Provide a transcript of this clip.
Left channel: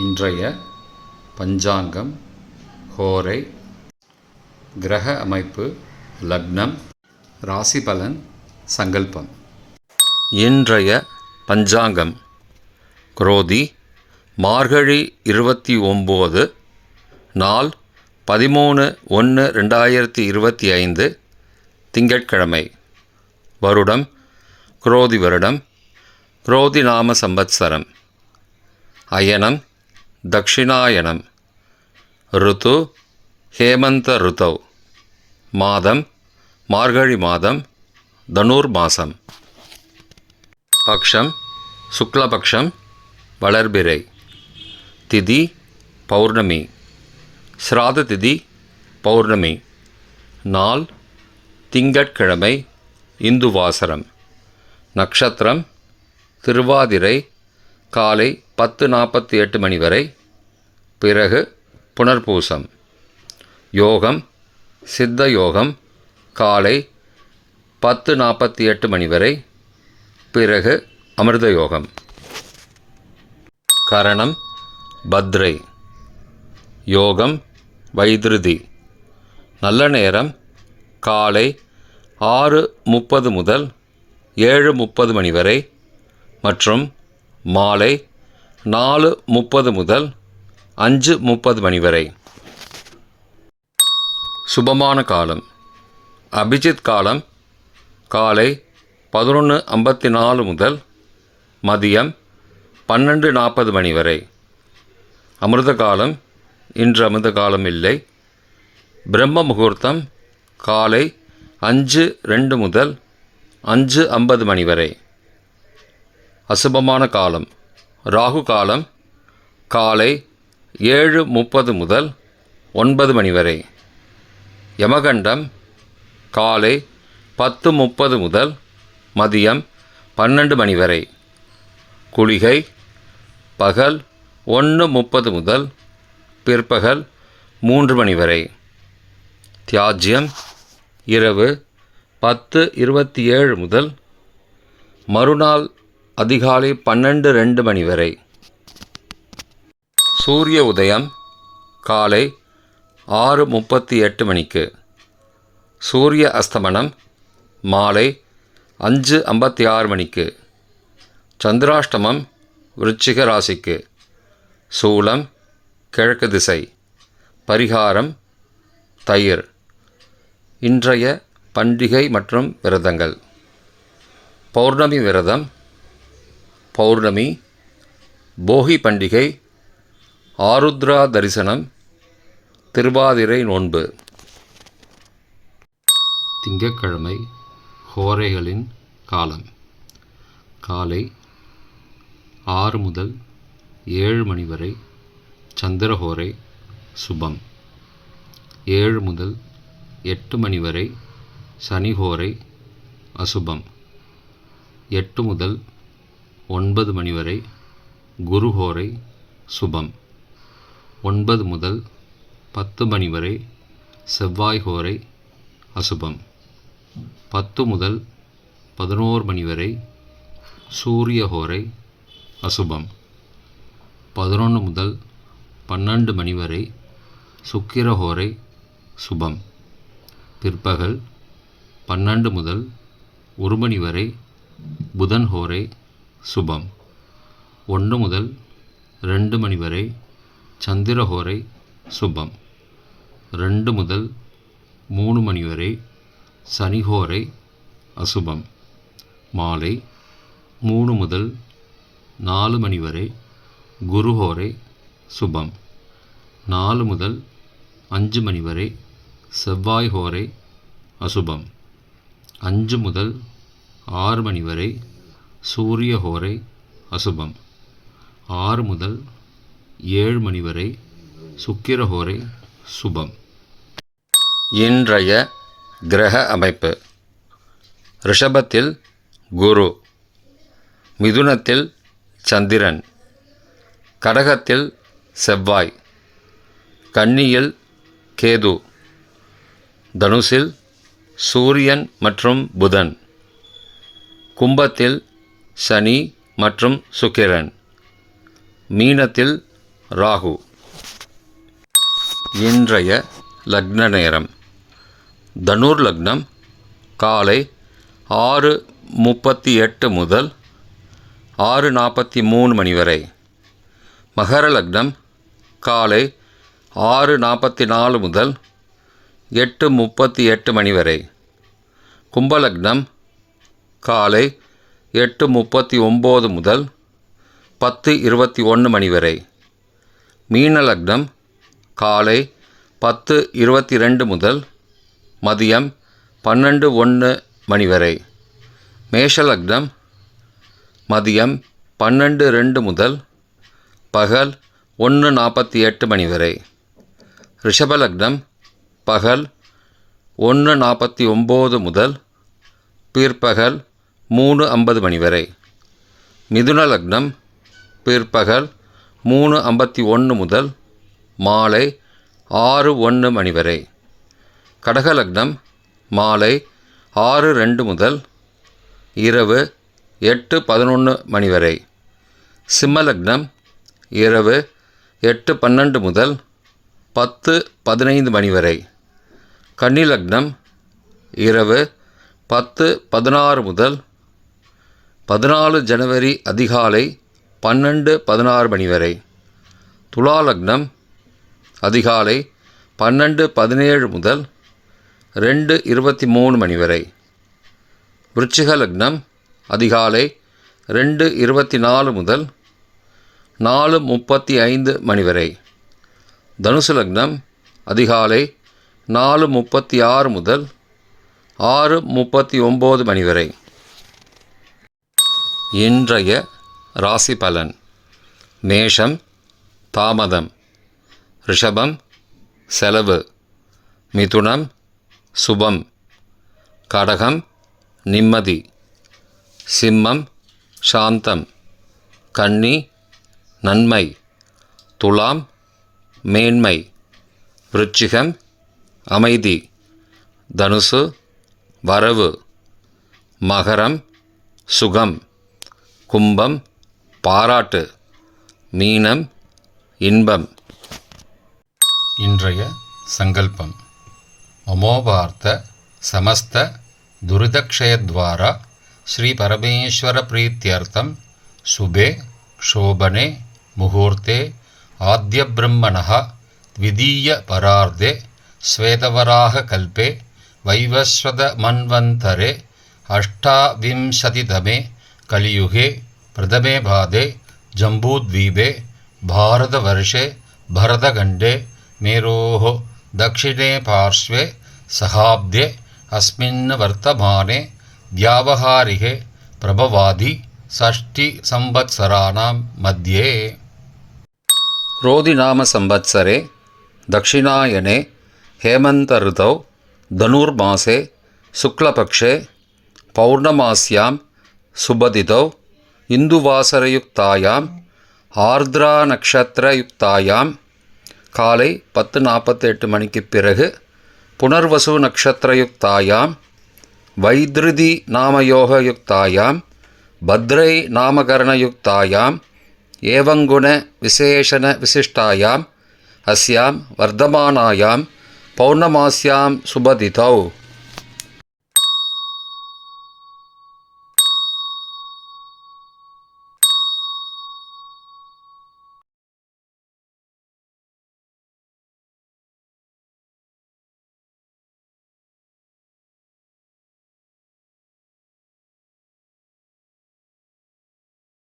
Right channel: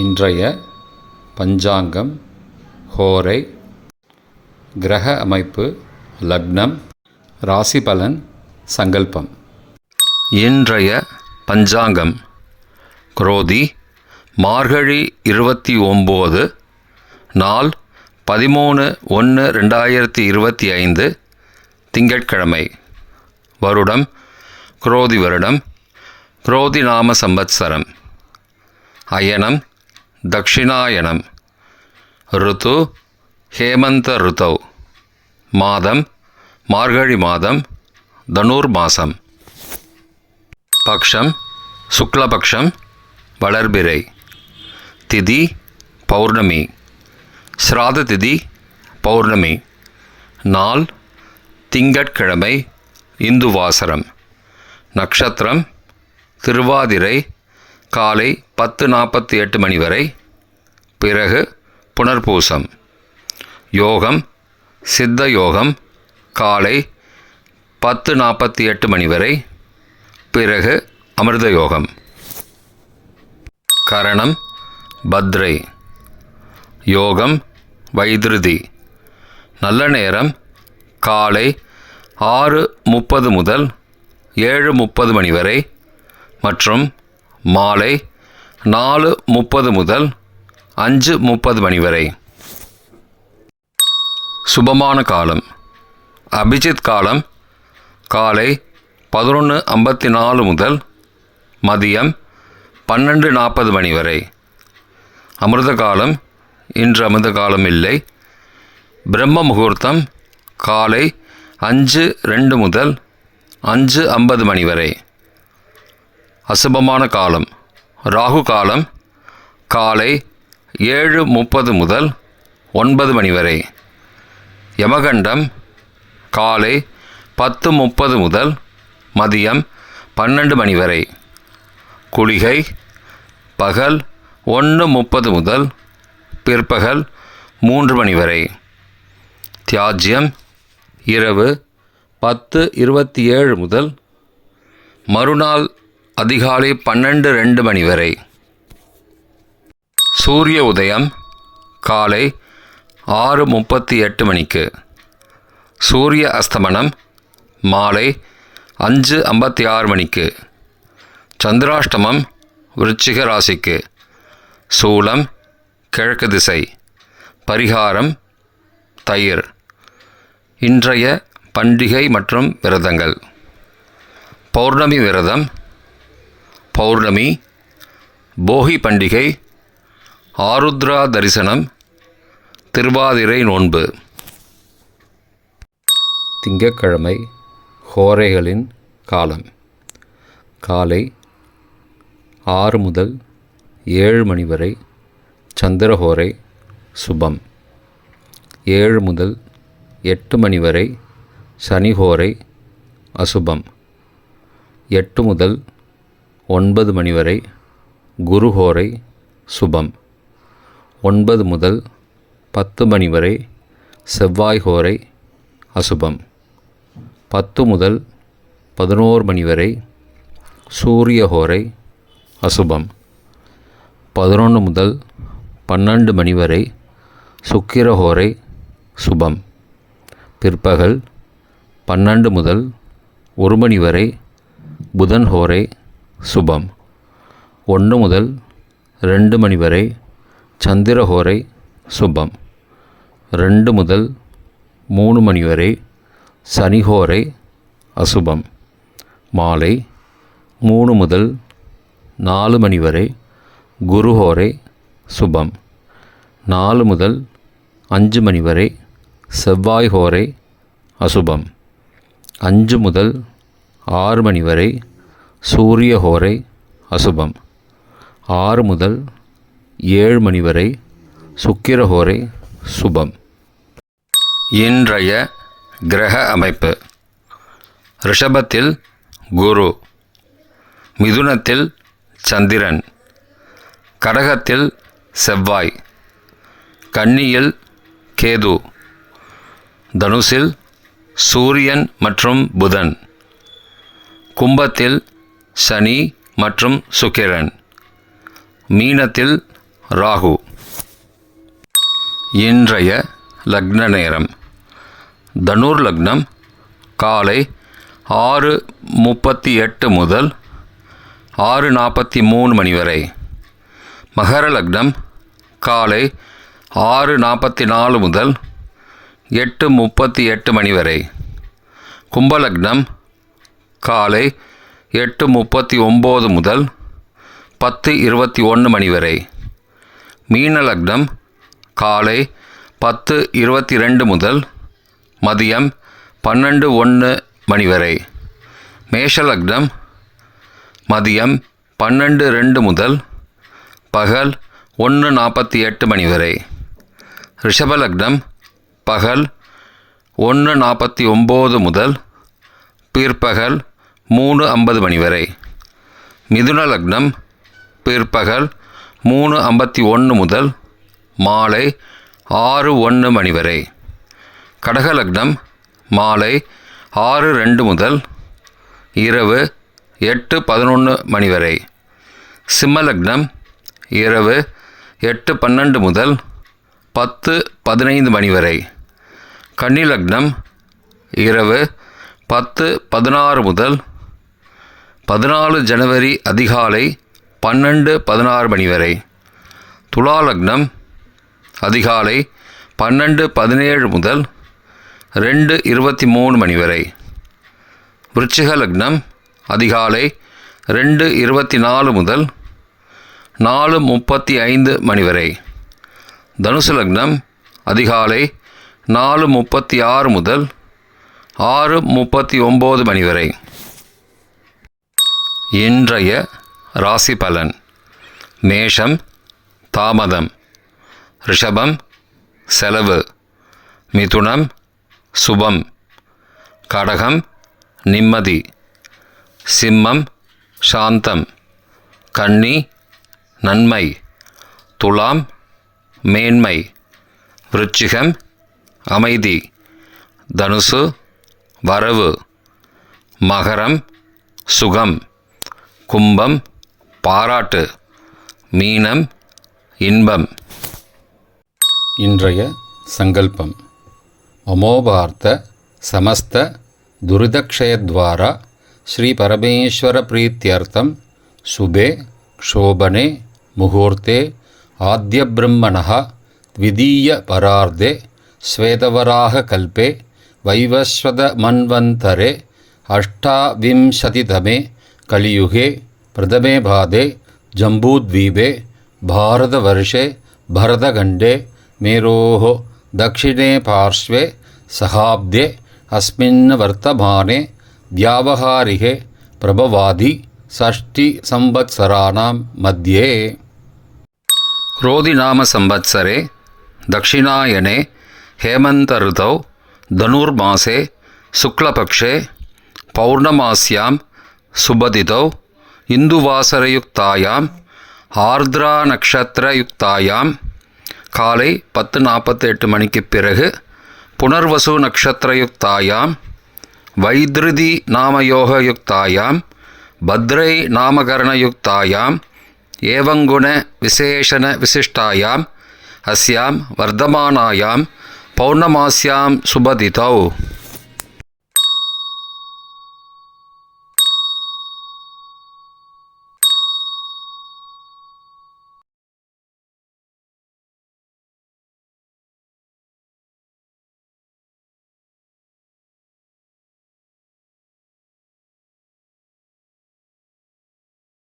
இன்றைய பஞ்சாங்கம், ஹோரை, கிரக அமைப்பு, லக்னம், ராசி பலன், சங்கல்பம். இன்றைய பஞ்சாங்கம் குரோதி மார்கழி 29, நாள் 13/1/2025, திங்கட்கிழமை. வருடம் குரோதி வருடம், குரோதி நாம சம்பத்சரம். அயனம் தக்ஷிணாயனம். ருத்து ஹேமந்த ருத்தௌ. மாதம் மார்கழி மாதம், தனுர் மாதம். பக்ஷம் சுக்லபக்ஷம், வளர்பிறை. திதி பௌர்ணமி. ஸ்ராத திதி பௌர்ணமி. நாள் திங்கட்கிழமை, இந்துவாசரம். நட்சத்திரம் திருவாதிரை, காலை 10:48 மணி வரை, பிறகு புனர்பூசம். யோகம் சித்த யோகம், காலை 10:48 மணி வரை, பிறகு அமிர்த யோகம். கரணம் பத்ரை. யோகம் வைத்ருதி. நல்ல நேரம் காலை 6:30 முதல் 7:30 மணி வரை மற்றும் மாலை 4:30 முதல் 5:30 மணி வரை. சுபமான காலம் அபிஜித் காலம் காலை 11:54 முதல் மதியம் 12:40 மணி வரை. அமிர்த காலம் இன்று அமிர்த காலம் இல்லை. பிரம்ம முகூர்த்தம் காலை 5:02 முதல் 5:50 மணி வரை. அசுபமான காலம் ராகு காலம் காலை 7:30 முதல் 9 மணி வரை. யமகண்டம் காலை 10:30 முதல் மதியம் 12 மணி வரை. குளிகை பகல் 1:30 முதல் பிற்பகல் 3 மணி வரை. தியாஜ்யம் இரவு 10:27 முதல் மறுநாள் அதிகாலை 12:02 மணி வரை. சூரிய உதயம் காலை 6:38 மணிக்கு. சூரிய அஸ்தமனம் மாலை 5:56 மணிக்கு. சந்திராஷ்டமம் விருச்சிக ராசிக்கு. சூலம் கிழக்கு திசை. பரிகாரம் தயிர். இன்றைய பண்டிகை மற்றும் விரதங்கள். பௌர்ணமி விரதம், பௌர்ணமி, போகி பண்டிகை, ஆருத்ரா தரிசனம், திருவாதிரை நோன்பு. திங்கட்கிழமை ஹோரைகளின் காலம் காலை 6 முதல் 7 மணி வரை சந்திரஹோரை சுபம். 7 முதல் 8 மணி வரை சனிஹோரை அசுபம். 8 முதல் 9 மணி வரை குருஹோரை சுபம். 9 முதல் 10 மணி வரை செவ்வாய் ஹோரை அசுபம். 10 முதல் 11 மணி வரை சூரிய ஹோரை அசுபம். 11 முதல் 12 மணி வரை சுக்கிர ஹோரை சுபம். பிற்பகல் 12 முதல் 1 மணி வரை புதன் ஹோரை சுபம். 1 முதல் 2 மணி வரை சந்திர ஹோரை சுபம். 2 முதல் 3 மணி வரை சனிஹோரை அசுபம். மாலை 3 முதல் 4 மணி வரை குருஹோரை சுபம். 4 முதல் 5 மணி வரை செவ்வாய் ஹோரை அசுபம். 5 முதல் 6 மணி வரை சூரிய ஹோரை அசுபம். 6 முதல் 7 மணி வரை சுக்கிர ஹோரை சுபம். இன்றைய கிரக அமைப்பு. ரிஷபத்தில் குரு, மிதுனத்தில் சந்திரன், கடகத்தில் செவ்வாய், கன்னியில் கேது, தனுசில் சூரியன் மற்றும் புதன், கும்பத்தில் சனி மற்றும் சுக்கிரன், மீனத்தில் ராகு. இன்றைய லக்ன நேரம். தனுர் லக்னம் காலை 6:38 முதல் 6:43 மணி வரை. மகர லக்னம் காலை 6:44 முதல் 8:38 மணி வரை. கும்பலக்னம் காலை 8:39 முதல் 10:21 மணி வரை. மீன லக்னம் காலை 10:22 முதல் மதியம் 12:01 மணி வரை. மேஷ லக்னம் மதியம் 12:02 முதல் பகல் 1:48 மணி வரை. ரிஷப லக்னம் பகல் 1:49 முதல் பிற்பகல் 3:50 மணி வரை. மிதுன லக்னம் பிற்பகல் 3:51 முதல் மாலை 6:01 மணி வரை. கடக லக்னம் மாலை 6:02 முதல் இரவு 8:11 மணி வரை. சிம்ம லக்னம் இரவு 8:12 முதல் 10:15 மணி வரை. கன்னி லக்னம் இரவு 10:16 முதல் 14 ஜனவரி அதிகாலை 12:16 மணி வரை. துலா லக்னம் அதிகாலை 12:17 முதல் 2:23 மணி வரை. விருச்சிக லக்னம் அதிகாலை 2:24 முதல் 4:35 மணி வரை. தனுசு லக்னம் அதிகாலை 4:36 முதல் 6:39 மணி வரை. இன்றைய ராசி பலன். மேஷம் தாமதம், ரிஷபம் செலவு, மிதுனம் சுபம், கடகம் நிம்மதி, சிம்மம் சாந்தம், கன்னி நன்மை, துலாம் மேன்மை, விருச்சிகம் அமைதி, தனுசு வரவு, மகரம் சுகம், கும்பம் பாராட்டு, மீனம் இன்பம். இன்றைய சங்கல்பம். அமோபார்த்த சமஸ்த துரிதக்ஷயத்வாரா ஸ்ரீ பரமேஸ்வர பிரீத்யர்த்தம் சுபே க்ஷோபனே முகூர்த்தே ஆத்ய பிரம்மணः த்விதீய பரார்த்தே ஸ்வேதவராக கல்பே வைவஸ்வத மன்வந்தரே அஷ்டாவிம்சதிதமே கலியுகே பிரதமே பாதே ஜம்பூத்வீபே பாரதவர்ஷே பரதகண்டே மேரோः दक्षिणे पार्श्वे सहाब्दे अस्मिन् वर्तमाने व्यावहारिके प्रभवादि षष्टि संवत्सराणां मध्ये. क्रोधिनाम संवत्सरे दक्षिणायने हेमन्त ऋतौ धनुर्मासे शुक्लपक्षे पौर्णमास्यां सुबदितौ इन्दुवासरयुक्तायां ஆர்திரா காலை 10:48 மணிக்கு பிறகு புனர்வசு நக்ஷத்திரயுக்தாயாம் வைத்ருதி நாமயோகயுக்தாயாம் பத்ரை நாமகரணயுக்தாயாம் ஏவங்குண விசேஷண விசிஷ்டாயாம் அஸ்யாம் வர்தமானாயாம் பௌர்ணமாஸ்யாம் சுபதிதௌ